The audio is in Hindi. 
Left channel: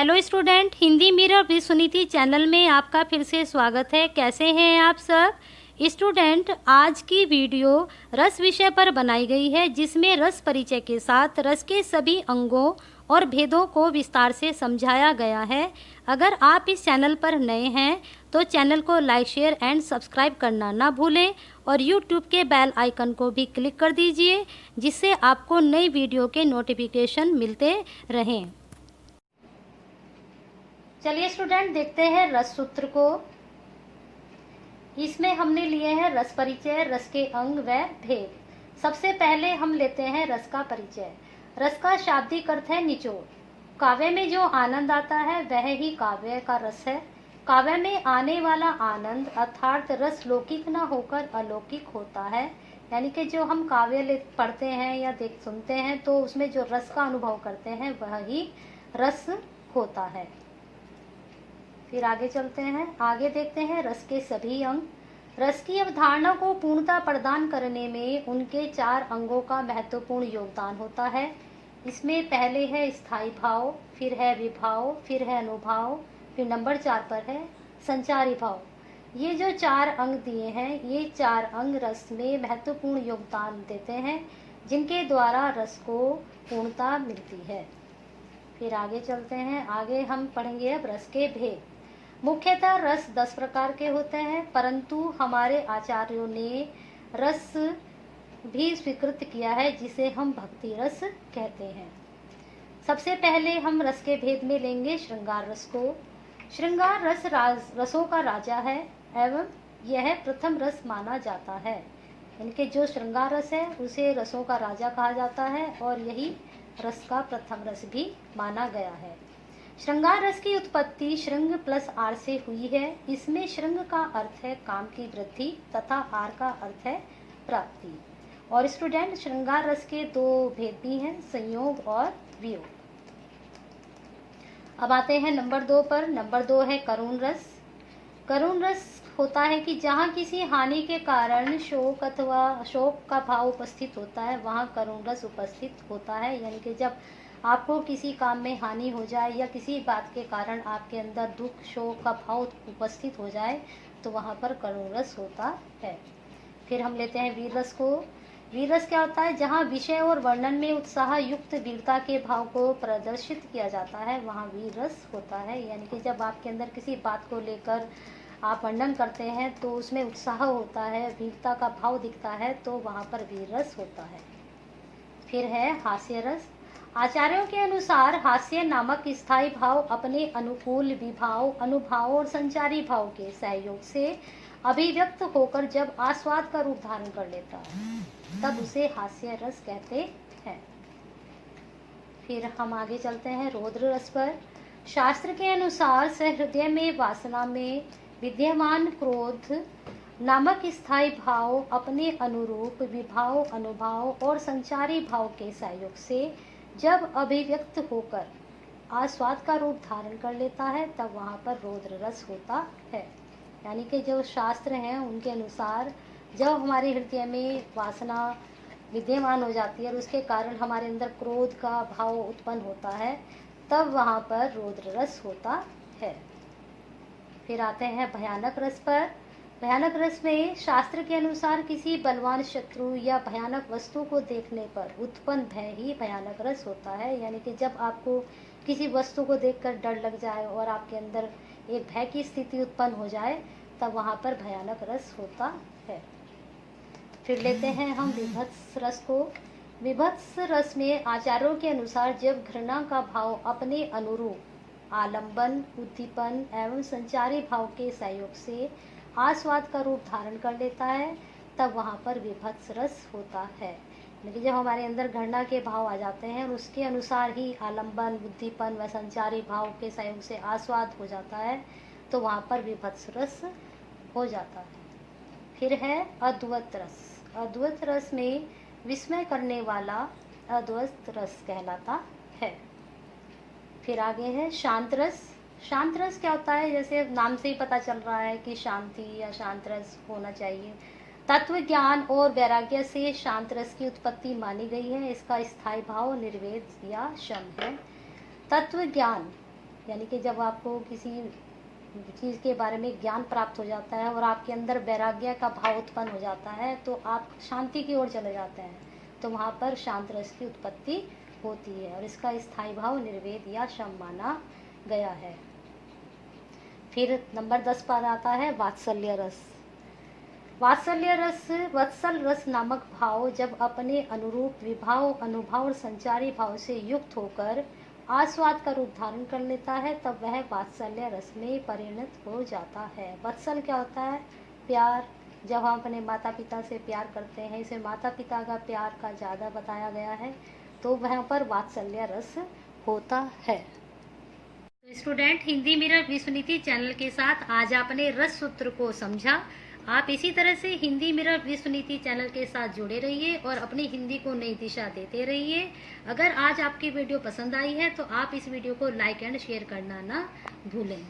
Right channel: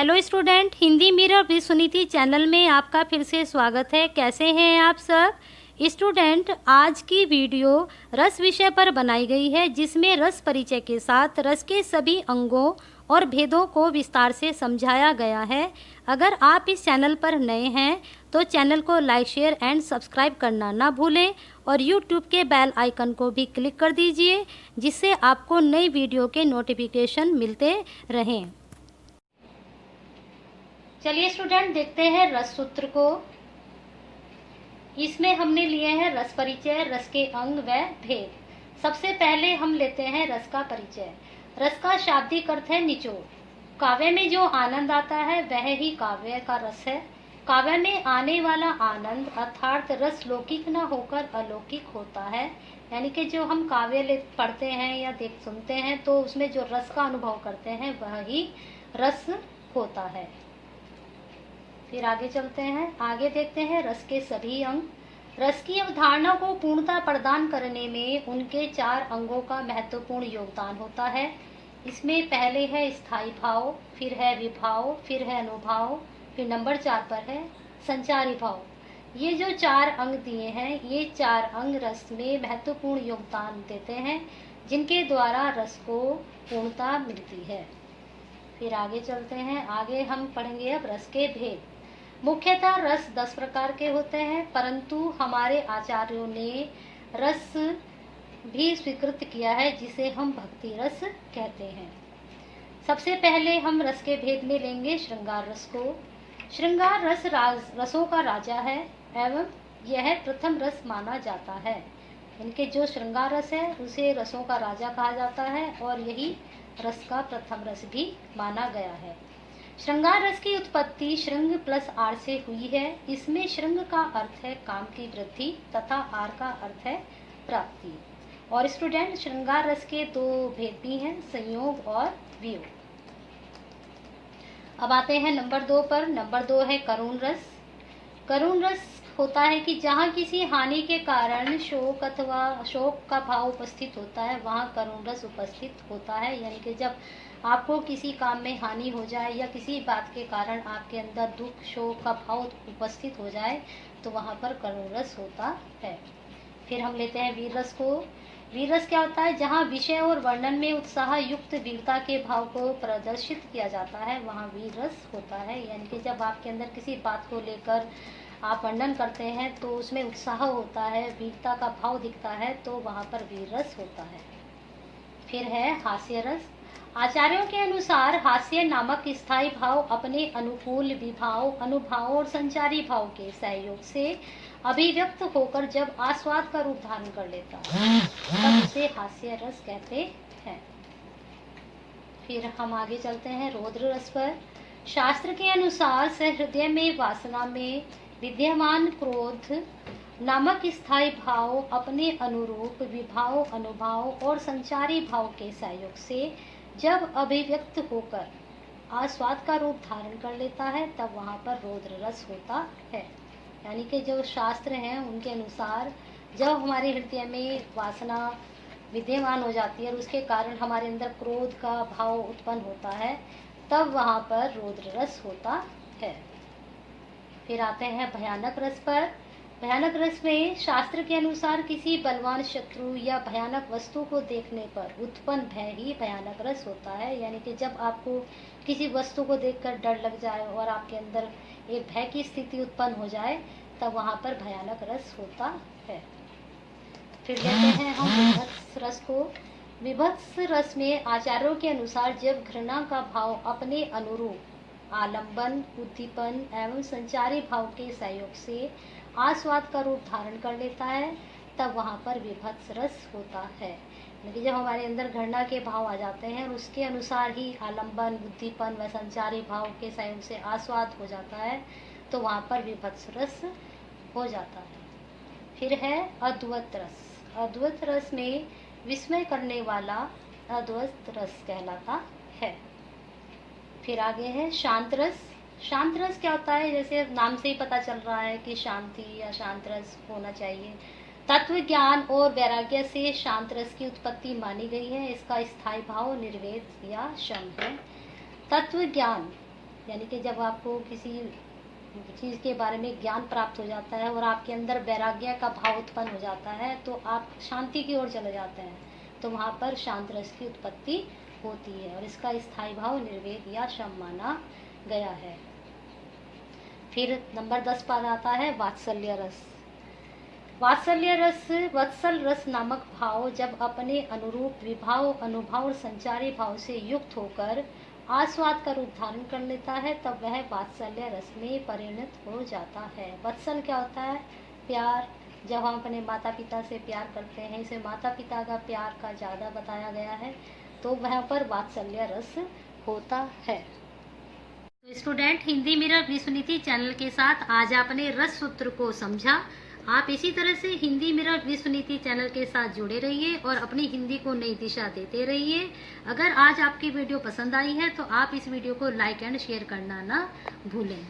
Hello student, Hindi mirror with Suniti channel में आपका फिर से स्वागत है। कैसे हैं आप सब स्टूडेंट? आज की वीडियो रस विषय पर बनाई गई है, जिसमें रस परिचय के साथ रस के सभी अंगों और भेदों को विस्तार से समझाया गया है। अगर आप इस चैनल पर नए हैं तो चैनल को लाइक, शेयर एंड सब्सक्राइब करना ना भूलें और यूट्यूब के बेल आइकन को भी क्लिक कर दीजिए, जिससे आपको नई वीडियो के नोटिफिकेशन मिलते रहें। चलिए स्टूडेंट, देखते हैं रस सूत्र को। इसमें हमने लिए हैं रस परिचय, रस के अंग व भेद। सबसे पहले हम लेते हैं रस का परिचय। रस का शाब्दिक अर्थ है निचोड़। काव्य में जो आनंद आता है वह ही काव्य का रस है। काव्य में आने वाला आनंद अर्थात रस लौकिक न होकर अलौकिक होता है। यानी कि जो हम काव्य पढ़ते हैं या सुनते हैं तो उसमें जो रस का अनुभव करते हैं वह ही रस होता है। फिर आगे चलते हैं, आगे देखते हैं रस के सभी अंग। रस की अवधारणा को पूर्णता प्रदान करने में उनके 4 अंगों का महत्वपूर्ण योगदान होता है। इसमें पहले है स्थायी भाव, फिर है विभाव, फिर है अनुभाव, फिर नंबर 4 पर है संचारी भाव। ये जो 4 अंग दिए हैं, ये 4 अंग रस में महत्वपूर्ण योगदान देते हैं, जिनके द्वारा रस को पूर्णता मिलती है। फिर आगे चलते हैं, आगे हम पढ़ेंगे अब रस के भेद। मुख्यतः रस 10 प्रकार के होते हैं, परंतु हमारे आचार्यों ने रस भी स्वीकृत किया है, जिसे हम भक्ति रस कहते हैं। सबसे पहले हम रस के भेद में लेंगे श्रृंगार रस को। श्रृंगार रस रसों का राजा है एवं यह प्रथम रस माना जाता है। इनके जो श्रृंगार रस है उसे रसों का राजा कहा जाता है और यही रस का प्रथम रस भी माना गया है। श्रृंगार रस की उत्पत्ति श्रृंग प्लस आर से हुई है। इसमें श्रृंग का अर्थ है काम की वृद्धि तथा आर का अर्थ है प्राप्ति। और स्टूडेंट, श्रृंगार रस के 2 भेद भी हैं, संयोग और वियोग। अब आते हैं नंबर 2 पर। नंबर 2 है करुण रस। करुण रस होता है कि जहाँ किसी हानि के कारण शोक अथवा शोक का भाव उपस्थित होता है, वहाँ करुण रस उपस्थित होता है। यानी कि जब आपको किसी काम में हानि हो जाए या किसी बात के कारण आपके अंदर दुख, शोक का भाव उपस्थित हो जाए तो वहाँ पर करुण रस होता है। फिर हम लेते हैं वीर रस को। वीर रस क्या होता है? जहाँ विषय और वर्णन में उत्साह युक्त वीरता के भाव को प्रदर्शित किया जाता है, वहाँ वीर रस होता है। यानी कि जब आपके अंदर किसी बात को लेकर आप वर्णन करते हैं तो उसमें उत्साह होता है, वीरता का भाव दिखता है, तो वहाँ पर वीर रस होता है। फिर है हास्य रस। आचार्यों के अनुसार हास्य नामक स्थायी भाव अपने अनुकूल विभाव, अनुभाव और संचारी भाव के सहयोग से अभिव्यक्त होकर जब आस्वाद का रूप धारण कर लेता है, तब उसे हास्य रस कहते हैं। फिर हम आगे चलते हैं रौद्र रस पर। शास्त्र के अनुसार सहृदय में वासना में विद्यमान क्रोध नामक स्थायी भाव अपने अनुरूप विभाव, अनुभाव और संचारी भाव के सहयोग से जब अभिव्यक्त होकर आस्वाद का रूप धारण कर लेता है, तब वहाँ पर रौद्र रस होता है। यानी कि जो शास्त्र हैं उनके अनुसार जब हमारे हृदय में वासना विद्यमान हो जाती है और उसके कारण हमारे अंदर क्रोध का भाव उत्पन्न होता है, तब वहाँ पर रौद्र रस होता है। फिर आते हैं भयानक रस पर। भयानक रस में शास्त्र के अनुसार किसी बलवान शत्रु या भयानक वस्तु को देखने पर उत्पन्न भय ही भयानक रस होता है। यानी कि जब आपको किसी वस्तु को देखकर डर लग जाए और आपके अंदर एक भय की स्थिति उत्पन्न हो जाए, तब वहाँ पर भयानक रस होता है। फिर लेते हैं हम विभत्स रस को। विभत्स रस में आचार्यों के अनुसार जब घृणा का भाव अपने अनुरूप आलंबन, उद्दीपन एवं संचारी भाव के सहयोग से आस्वाद का रूप धारण कर लेता है, तब वहाँ पर विभत्स रस होता है। लेकिन जब हमारे अंदर घृणा के भाव आ जाते हैं और उसके अनुसार ही आलंबन, उद्दीपन व संचारी भाव के सहयोग से आस्वाद हो जाता है, तो वहाँ पर विभत्स रस हो जाता है। फिर है अद्वैत रस। अद्वैत रस में विस्मय करने वाला अद्वैत रस कहलाता है। फिर आगे है शांत रस। शांत रस क्या होता है? जैसे नाम से ही पता चल रहा है कि शांति या शांत रस होना चाहिए। तत्व ज्ञान और वैराग्य से शांत रस की उत्पत्ति मानी गई है। इसका स्थायी भाव निर्वेद या शम है। तत्व ज्ञान यानी कि जब आपको किसी चीज़ के बारे में ज्ञान प्राप्त हो जाता है और आपके अंदर वैराग्य का भाव उत्पन्न हो जाता है तो आप शांति की ओर चले जाते हैं, तो वहाँ पर शांत रस की उत्पत्ति होती है और इसका स्थायी भाव निर्वेद या शम माना गया है। फिर नंबर 10 पर आता है वात्सल्य रस। वात्सल्य रस वत्सल रस नामक भाव जब अपने अनुरूप विभाव अनुभव और संचारी भाव से युक्त होकर आस्वाद का रूप धारण कर लेता है, तब वह वात्सल्य रस में परिणत हो जाता है। वत्सल क्या होता है? प्यार। जब हम अपने माता पिता से प्यार करते हैं, इसे माता पिता का प्यार का ज़्यादा बताया गया है, तो वहाँ पर वात्सल्य रस होता है। तो स्टूडेंट, हिंदी मिरर विश्वनीति चैनल के साथ आज आपने रस सूत्र को समझा। आप इसी तरह से हिंदी मिरर विश्वनीति चैनल के साथ जुड़े रहिए और अपनी हिंदी को नई दिशा देते रहिए। अगर आज आपकी वीडियो पसंद आई है तो आप इस वीडियो को लाइक एंड शेयर करना ना भूलें।